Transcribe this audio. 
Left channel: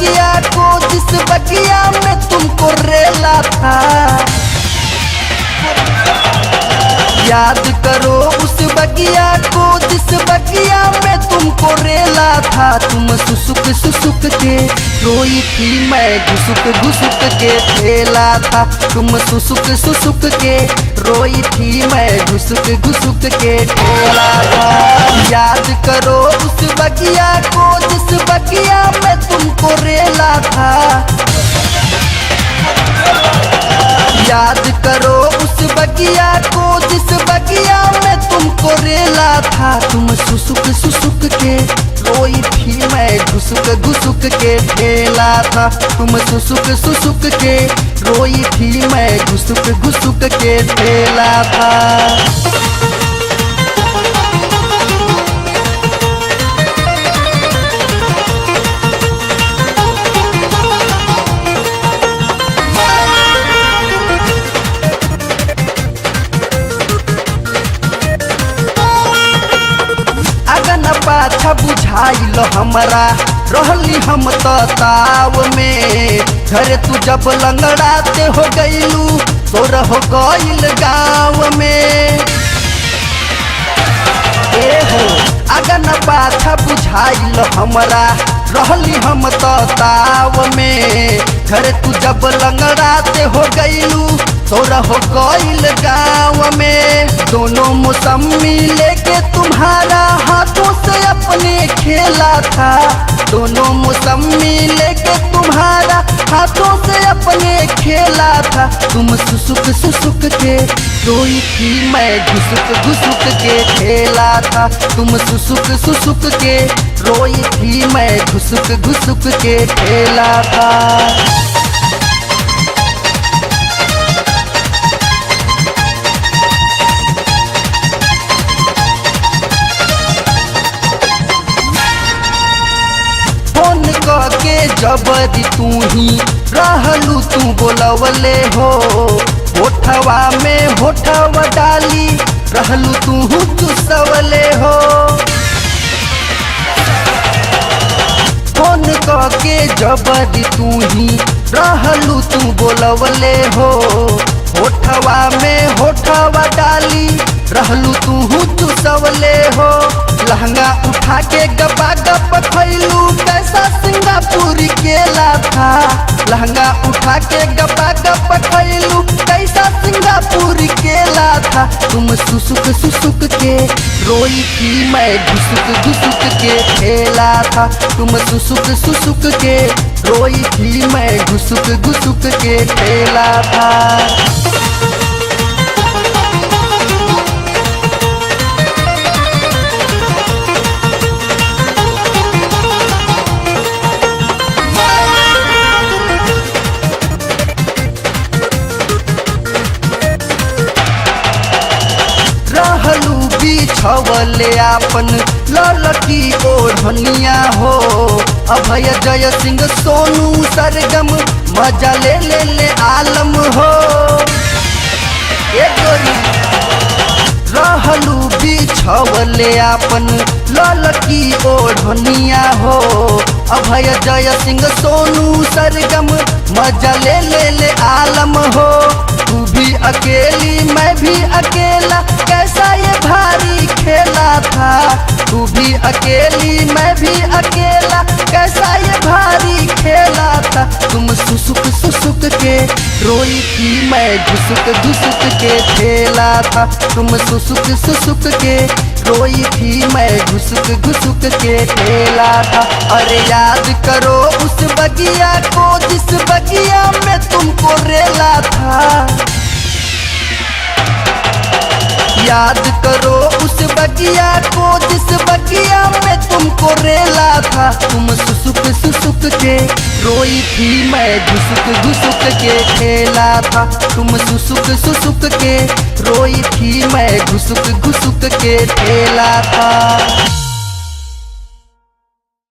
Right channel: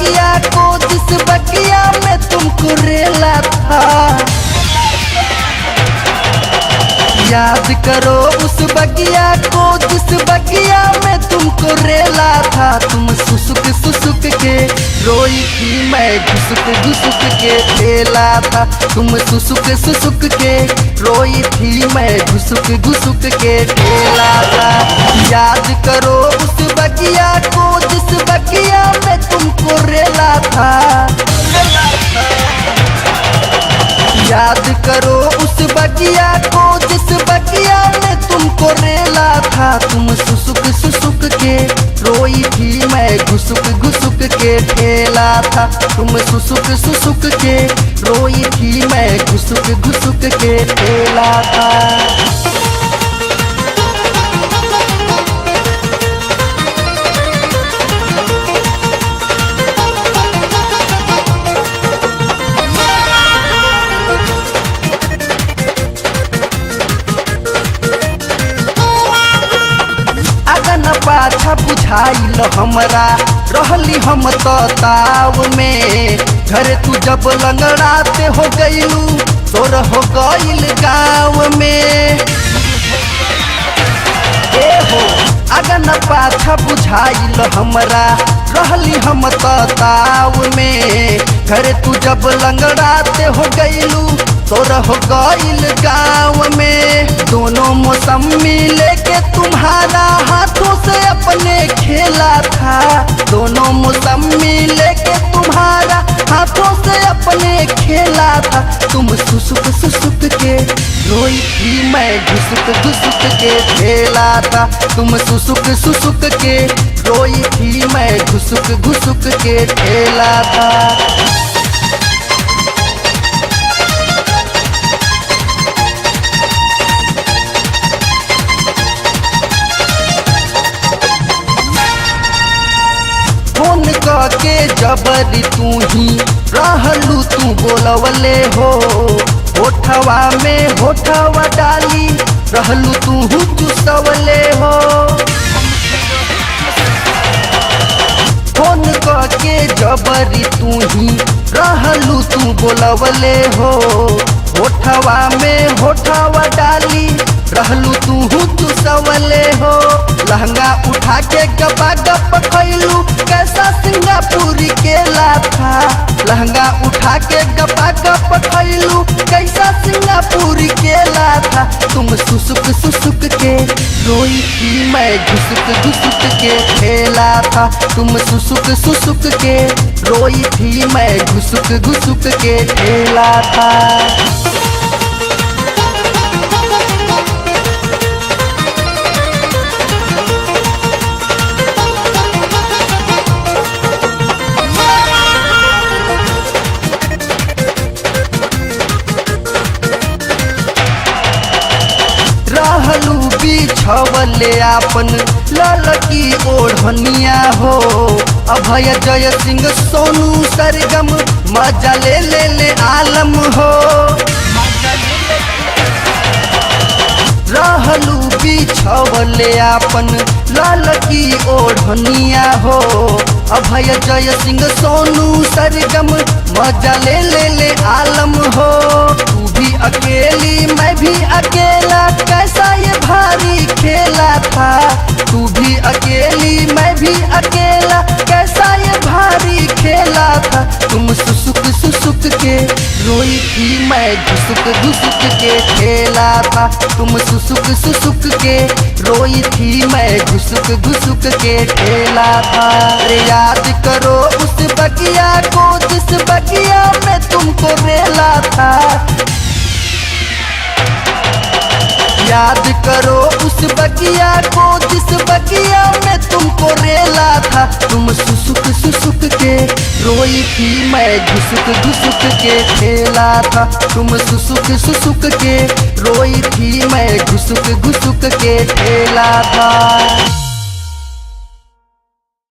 बगिया को जिस बगिया में तुमको रेला था, याद करो उस बगिया को जिस बगिया में तुमको रेला था। तुम सुसुक सुसुक के रोई थी, मैं घुसुक घुसुक के खेला था। तुम सुसुक सुसुक के रोई थी, मैं घुसुक घुसुक के खेला था। याद करो उस बगिया को जिस बगिया में तुमको रेला था, याद करो उस बगिया को जिस बगिया में तुमको रेला था। तुम सुसुक सुसुक के रोई थी, मैं घुसुक घुसुक के खेला था। तुम सुसुक सुसुक के रोई थी, मैं घुसुक घुसुक के खेला था। पाछा बुझाइल हमारा रहली हम ताव में, घर तू जब लंगड़ाते हो गयलू तोरा हो गईल गाँव में। अगन पाछा बुझाइल हमारा रहली हम ताव में, घर तू जब लंगड़ाते हो गयलू तोरा हो गईल गाँव में। दोनों मौसम में लेके तुम्हारा हाथों से अपने खेला था, दोनों मौसम में लेके तुम्हारा हाथों से अपने खेला था। तुम सुसुक सुसुक के रोई थी, मैं घुसुक घुसुक के खेला था। तुम सुसुक सुसुक के रोई थी, मैं घुसुक घुसुक के खेला था। के जबरी तू ही रहलू तुम बोलवले हो, होठवा में होठवा डाली रहलू तू सवले हो। फोन के जबरी तू ही रहलू तुम बोलवले हो, होठवा में होठवा डाली रहलू तू सवले हो। लहंगा उठा के गपा गप खैलू कैसा सिंगापुरी केला था, लहंगा उठा के गपा गप खैलू कैसा सिंगापुरी केला था। तुम सुसुक सुसुक के रोई थी, मैं घुसुक घुसुक के खेला था। तुम सुसुक सुसुक के रोई थी, मैं घुसुक घुसुक के खेला था। रहलू बिछवले आपन ललकी ओढ़निया हो, अभय जय सिंह सोनू सरगम मजा ले आलम हो। रहलू बिछवले आपन ललकी ओढ़निया हो, अभय जय सिंह सोनू सरगम मजा ले आलम हो। तू भी अकेली मैं भी अकेला कैसा ये भारी खेला था, तू भी अकेली मैं भी अकेला कैसा ये भारी खेला था। तुम सुसुक सुसुक के रोई थी, मैं घुसुक घुसुक के खेला था। तुम सुसुक सुसुक के रोई थी, मैं घुसुक घुसुक के खेला था। और याद करो उस बगिया को जिस बगिया में तुमको रेला था, याद करो उस बगिया को जिस बगिया में तुमको रेला था। तुम सुसुक सुसुक के रोई थी, मैं घुसुक घुसुक के खेला था। तुम सुसुक सुसुक के रोई थी, मैं घुसुक घुसुक के खेला था।